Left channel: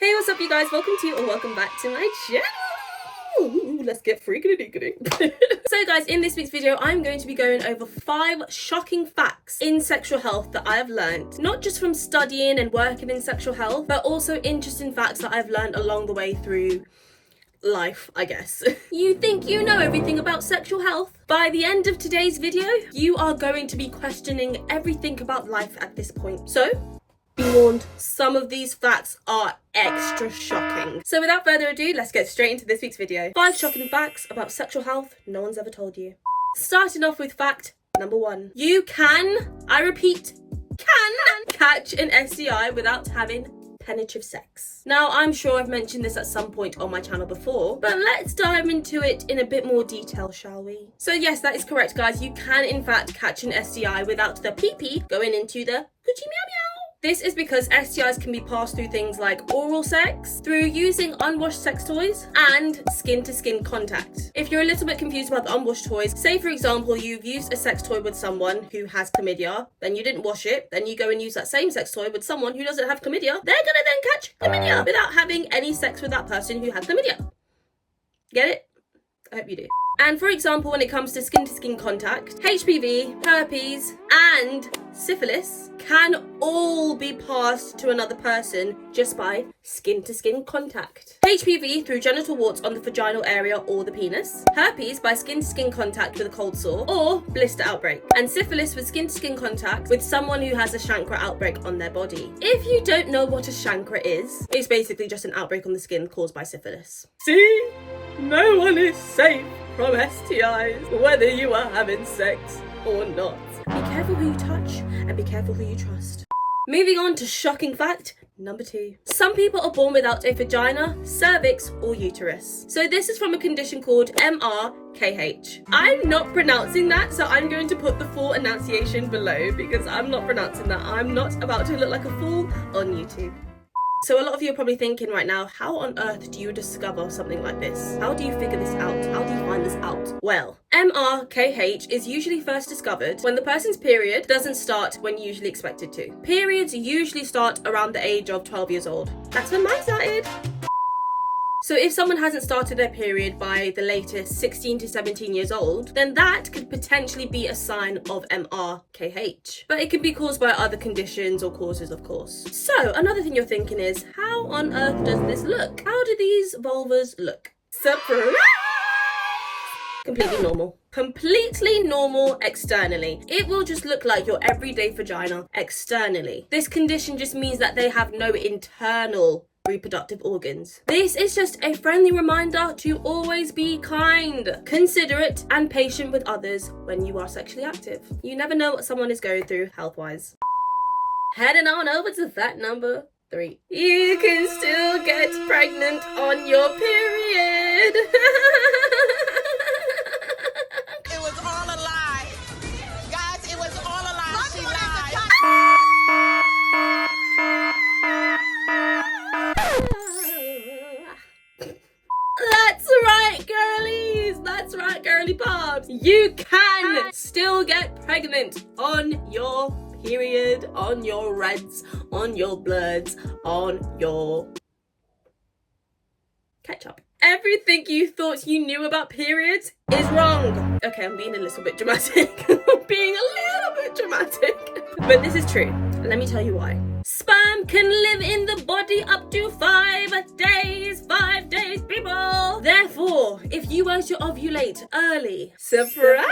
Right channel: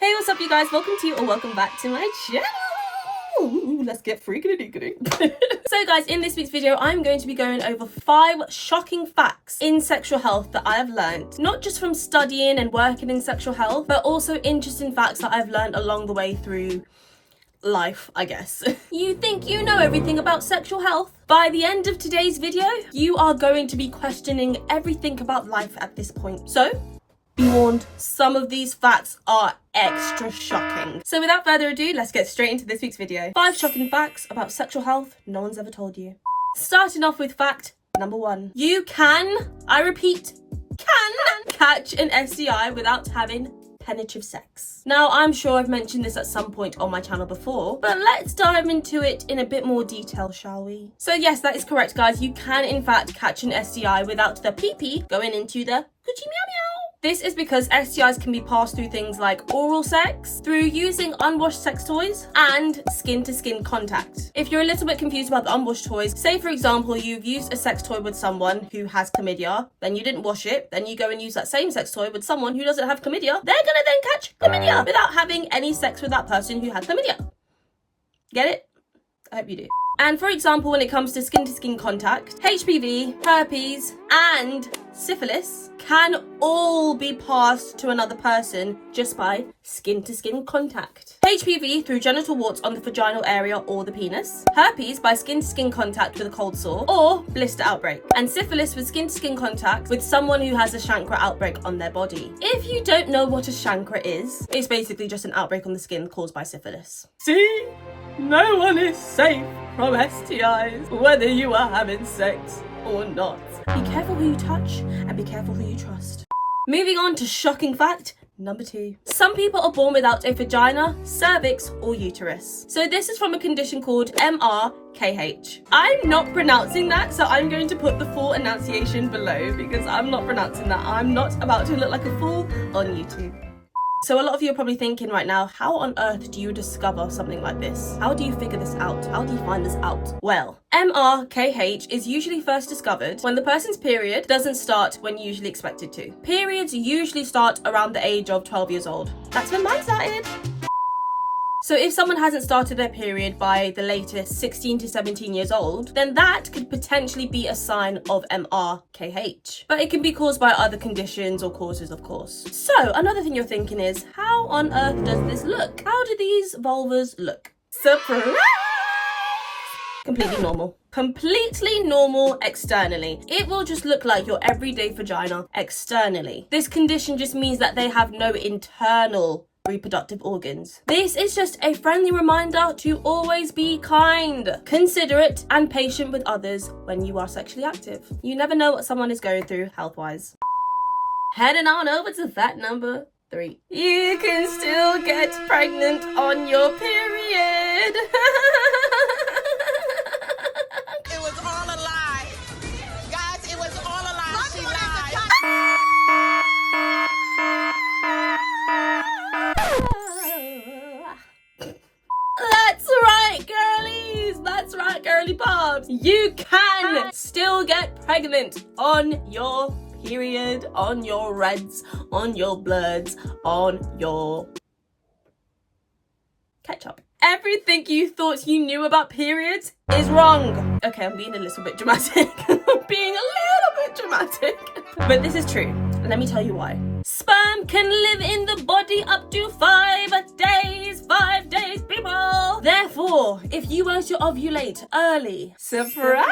Hey, what's up you guys? Welcome to or welcome back to my channel. Ooh, let's get freaking. So guys, in this week's video, I'm going to be going over 5 shocking facts in sexual health that I have learned, not just from studying and working in sexual health, but also interesting facts that I've learned along the way through life, I guess. You think you know everything about sexual health? By the end of today's video, you are going to be questioning everything about life at this point. So, be warned, some of these facts are extra shocking. So without further ado, let's get straight into this week's video. 5 shocking facts about sexual health no one's ever told you. Starting off with fact number 1. You can, I repeat, can catch an STI without having penetrative sex. Now, I'm sure I've mentioned this at some point on my channel before, but let's dive into it in a bit more detail, shall we? So yes, that is correct, guys. You can in fact catch an STI without the pee-pee going into the coochie meow meow. This is because STIs can be passed through things like oral sex, through using unwashed sex toys, and skin-to-skin contact. If you're a little bit confused about the unwashed toys, say for example you've used a sex toy with someone who has chlamydia, then you didn't wash it, then you go and use that same sex toy with someone who doesn't have chlamydia, they're gonna then catch chlamydia without having any sex with that person who had chlamydia. Get it? I hope you do. And for example, when it comes to skin-to-skin contact, HPV, herpes, and syphilis can all be passed to another person just by skin-to-skin contact. HPV through genital warts on the vaginal area or the penis, herpes by skin-to-skin contact with a cold sore or blister outbreak, and syphilis with skin-to-skin contact with someone who has a chancre outbreak on their body. If you don't know what a chancre is, it's basically just an outbreak on the skin caused by syphilis. See? No one is safe from STIs, whether you are having sex or not. Be careful who you touch and be careful who you trust. Moving on to shocking fact number 2. Some people are born without a vagina, cervix, or uterus. So this is from a condition called MRKH. I'm not pronouncing that, so I'm going to put the full enunciation below because I'm not pronouncing that. I'm not about to look like a fool on YouTube. So a lot of you are probably thinking right now, how on earth do you discover something like this? How do you figure this out? How do you find this out? Well, MRKH is usually first discovered when the person's period doesn't start when you usually expect it to. Periods usually start around the age of 12 years old. That's when mine started. So if someone hasn't started their period by the latest 16 to 17 years old, then that could potentially be a sign of MRKH. But it can be caused by other conditions or causes, of course. So another thing you're thinking is, how on earth does this look? How do these vulvas look? Surprise! Completely normal. Completely normal externally. It will just look like your everyday vagina externally. This condition just means that they have no internal reproductive organs. This is just a friendly reminder to always be kind, considerate, and patient with others when you are sexually active. You never know what someone is going through health-wise. Heading on over to fact number 3. You can still get pregnant on your period. It was all a lie. Guys, it was all a lie. She lied. That's right, girlies. That's right, girly pops. You can still get pregnant on your period, on your reds, on your bloods, on your ketchup. Everything you thought you knew about periods is wrong. Okay, I'm being a little bit dramatic. But this is true. Let me tell you why. Sperm can live in the body up to 5 days. 5 days, people. Therefore, if you were to ovulate early, surprise,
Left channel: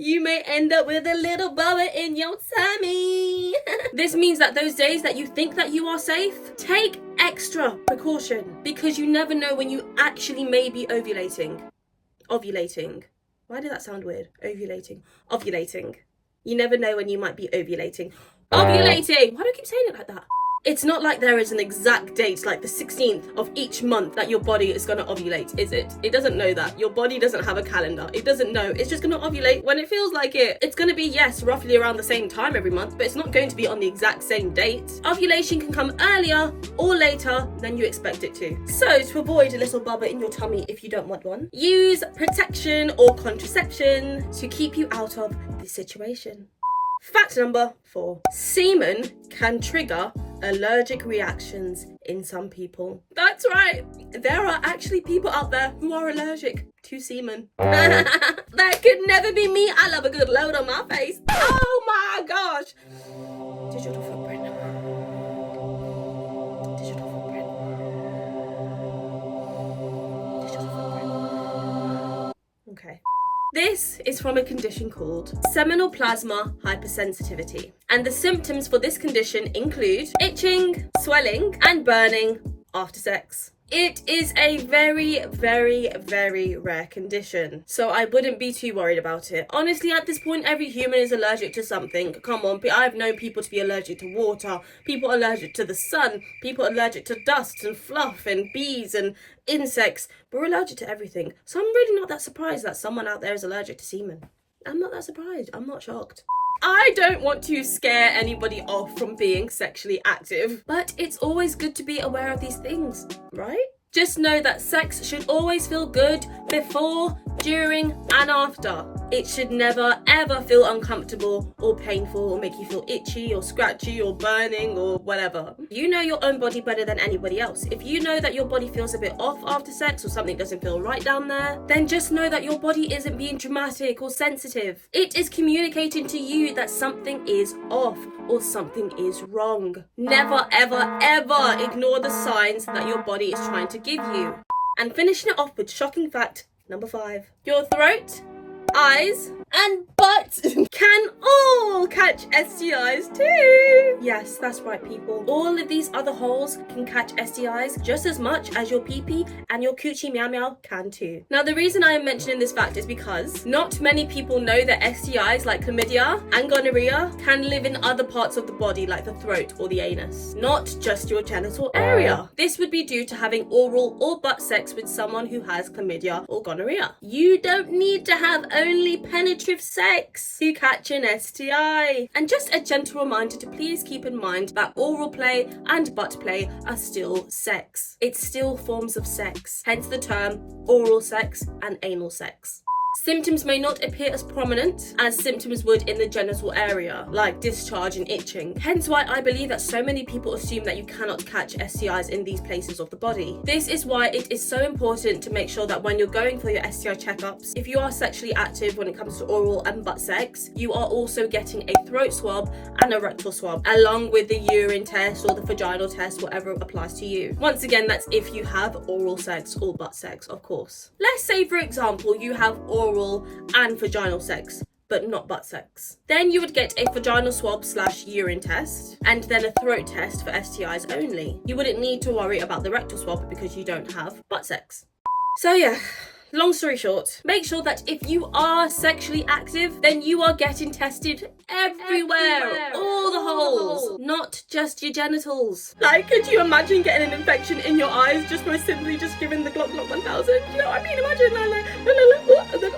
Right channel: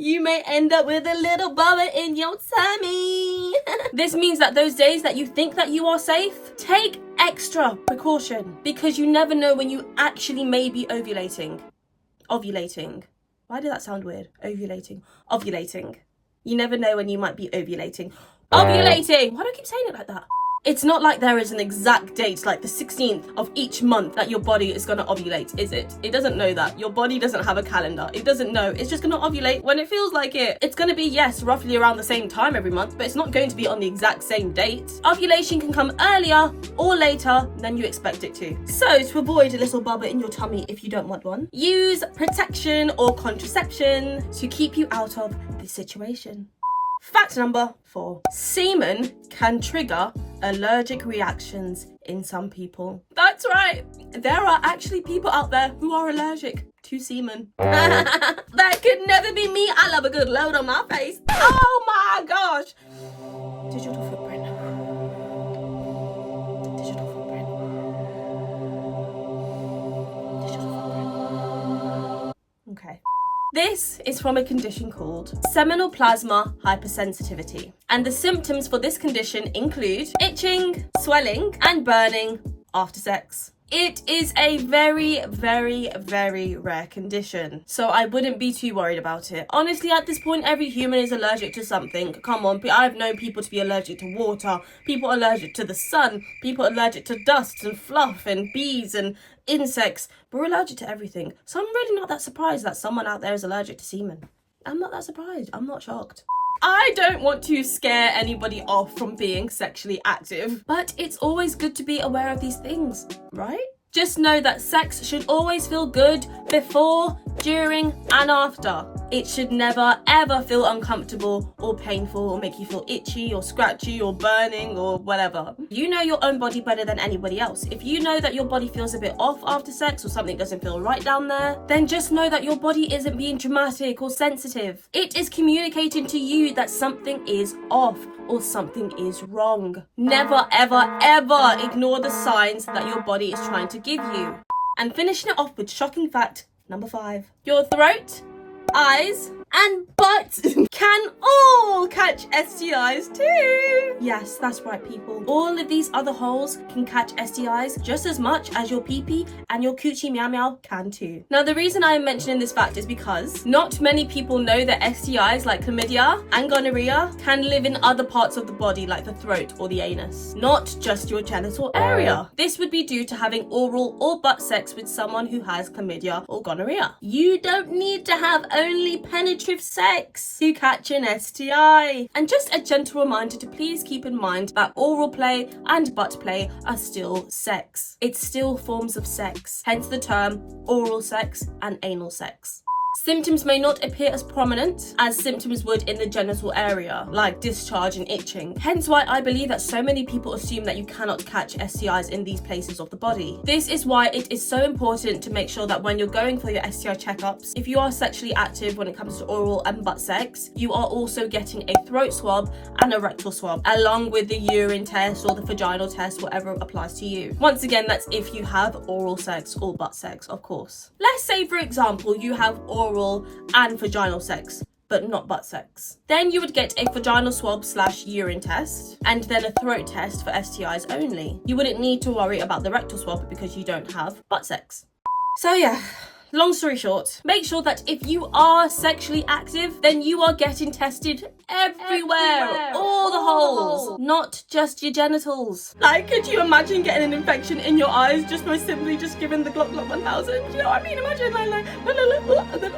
you may end up with a little bubba in your tummy. This means that those days that you think that you are safe, take extra precaution because you never know when you actually may be ovulating. Ovulating. Why did that sound weird? Ovulating. Ovulating. You never know when you might be ovulating. Ovulating! Why do I keep saying it like that? It's not like there is an exact date, like the 16th of each month, that your body is going to ovulate, is it? It doesn't know that. Your body doesn't have a calendar. It doesn't know. It's just going to ovulate when it feels like it. It's going to be, yes, roughly around the same time every month, but it's not going to be on the exact same date. Ovulation can come earlier or later than you expect it to. So, to avoid a little bubba in your tummy if you don't want one, use protection or contraception to keep you out of this situation. Fact number 4. Semen can trigger allergic reactions in some people. That's right, there are actually people out there who are allergic to semen. That could never be me. I love a good load on my face. Oh my gosh. Digital footprint. Digital footprint. Digital footprint. Okay. This is from a condition called seminal plasma hypersensitivity, and the symptoms for this condition include itching, swelling, and burning after sex. It is a very, very, very rare condition, so I wouldn't be too worried about it. Honestly, at this point, every human is allergic to something. Come on, I've known people to be allergic to water, people allergic to the sun, people allergic to dust and fluff and bees and insects. We're allergic to everything. So I'm really not that surprised that someone out there is allergic to semen. I'm not that surprised. I'm not shocked. I don't want to scare anybody off from being sexually active, but it's always good to be aware of these things, right? Just know that sex should always feel good before, during, and after. It should never ever feel uncomfortable or painful or make you feel itchy or scratchy or burning or whatever. You know your own body better than anybody else. If you know that your body feels a bit off after sex or something doesn't feel right down there, then just know that your body isn't being dramatic or sensitive. It is communicating to you that something is off or something is wrong. Never ever ever ignore the signs that your body is trying to give you. And finishing it off with shocking fact number 5. Your throat, eyes, and butt can all catch STIs too. Yes, that's right, people. All of these other holes can catch STIs just as much as your pee-pee and your coochie meow meow can too. Now, the reason I am mentioning this fact is because not many people know that STIs like chlamydia and gonorrhea can live in other parts of the body like the throat or the anus, not just your genital area. This would be due to having oral or butt sex with someone who has chlamydia or gonorrhea. You don't need to have only penetrative sex to catch an STI. And just a gentle reminder to please keep in mind that oral play and butt play are still sex. It's still forms of sex, hence the term oral sex and anal sex. Symptoms may not appear as prominent as symptoms would in the genital area, like discharge and itching. Hence why I believe that so many people assume that you cannot catch STIs in these places of the body. This is why it is so important to make sure that when you're going for your STI checkups, if you are sexually active when it comes to oral and butt sex, you are also getting a throat swab and a rectal swab, along with the urine test or the vaginal test, whatever applies to you. Once again, that's if you have oral sex or butt sex, of course. Let's say, for example, you have oral and vaginal sex, but not butt sex. Then you would get a vaginal swab / urine test, and then a throat test for STIs only. You wouldn't need to worry about the rectal swab because you don't have butt sex. So yeah, long story short, make sure that if you are sexually active, then you are getting tested everywhere. All the holes, not just your genitals. Like, could you imagine getting an infection in your eyes just by simply just giving the Glock 1000? You know what I mean? Imagine like and then,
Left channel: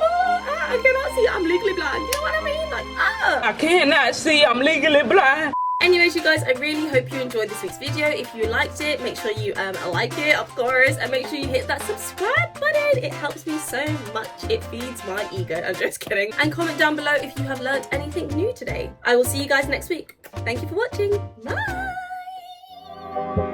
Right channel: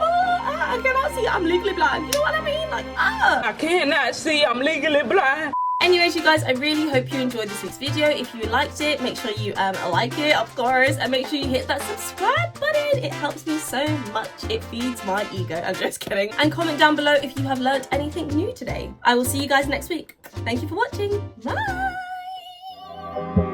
I cannot see, I'm legally blind. You know what I mean? Like, I cannot see, I'm legally blind. Anyways, you guys, I really hope you enjoyed this week's video. If you liked it, make sure you like it, of course, and make sure you hit that subscribe button. It helps me so much. It feeds my ego. I'm just kidding. And comment down below if you have learnt anything new today. I will see you guys next week. Thank you for watching. Bye.